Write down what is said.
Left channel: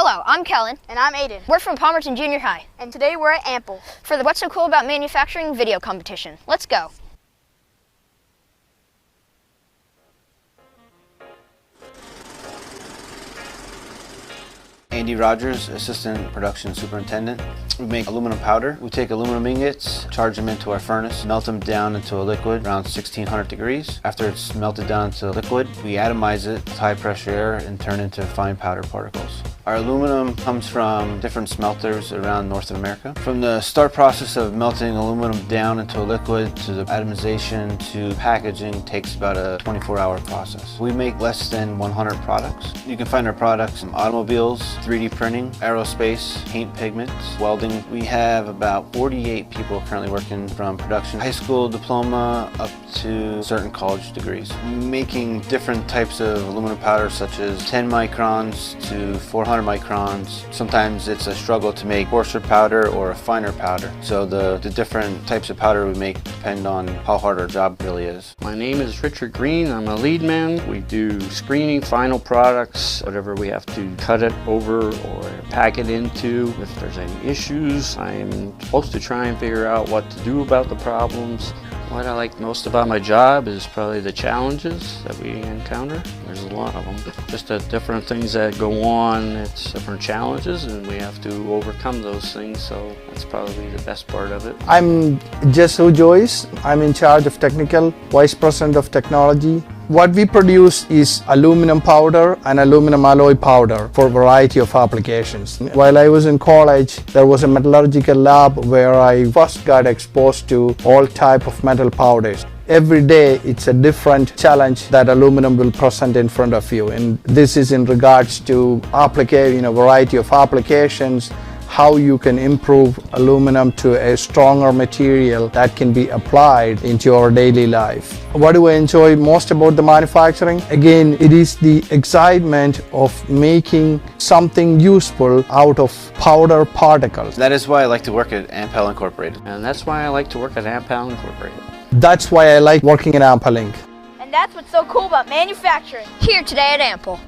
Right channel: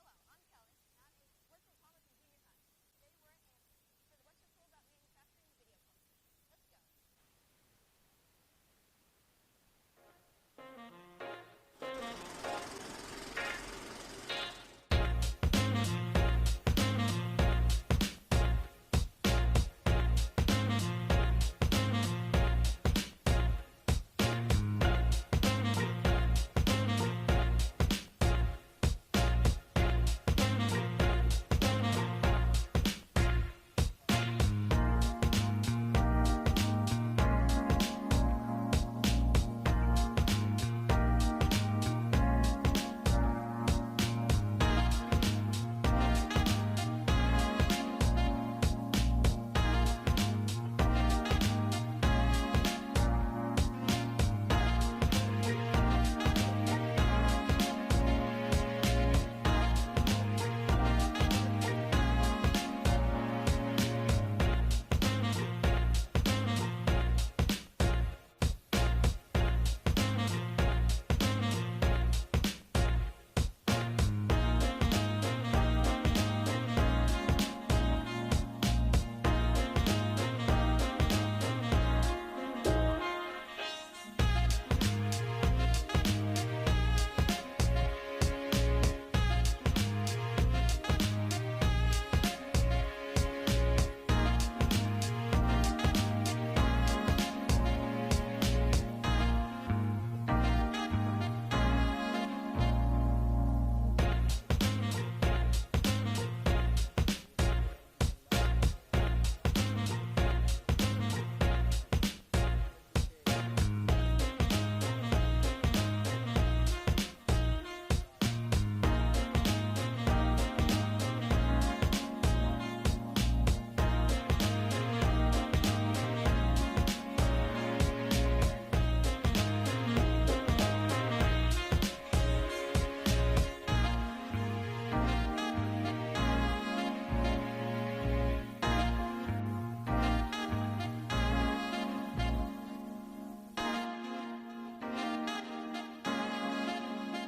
Hello, I'm Kellen. And I'm Aiden. We're from Palmerton Junior High. And today we're at Ample for the What's So Cool About Manufacturing video competition. Let's go. Andy Rogers, Assistant Production Superintendent. We make aluminum powder. We take aluminum ingots, charge them into our furnace, melt them down into a liquid around 1600 degrees. After it's melted down into a liquid, we atomize it with high pressure air and turn it into fine powder particles. Our aluminum comes from different smelters around North America. From the start process of melting aluminum down into a liquid to the atomization to packaging takes about a 24-hour process. We make less than 100 products. You can find our products in automobiles, 3D printing, aerospace, paint pigments, welding. We have about 48 people currently working from production, high school diploma up to certain college degrees. Making different types of aluminum powder such as 10 microns to 400 microns. Sometimes it's a struggle to make coarser powder or a finer powder. So the different types of powder we make depend on how hard our job really is. My name is Richard Green. I'm a lead man. We do screening, final products, whatever we have to cut it over or pack it into. If there's any issues, I'm supposed to try and figure out what to do about the problems. What I like most about my job is probably the challenges that we encounter. There's a lot of them. Just the different things that go on, it's different challenges and we have to overcome those things, so that's probably the best part of it. I'm Jesu Joyce. I'm in charge of technical, Vice President of Technology. What we produce is aluminum powder and aluminum alloy powder for a variety of applications. While I was in college, there was a metallurgical lab where I first got exposed to all type of metal powders. Every day it's a different challenge that aluminum will present in front of you, and this is in regards to applicating a variety of applications, how you can improve aluminum to a stronger material that can be applied into your daily life. What do I enjoy most about the manufacturing? Again, it is the excitement of making something useful out of powder particles. That is why I like to work at Ampel Incorporated. And that's why I like to work at Allentown Incorporated. That's why I like working at Ample Inc. And that's what's so cool about manufacturing. Here today at Ample.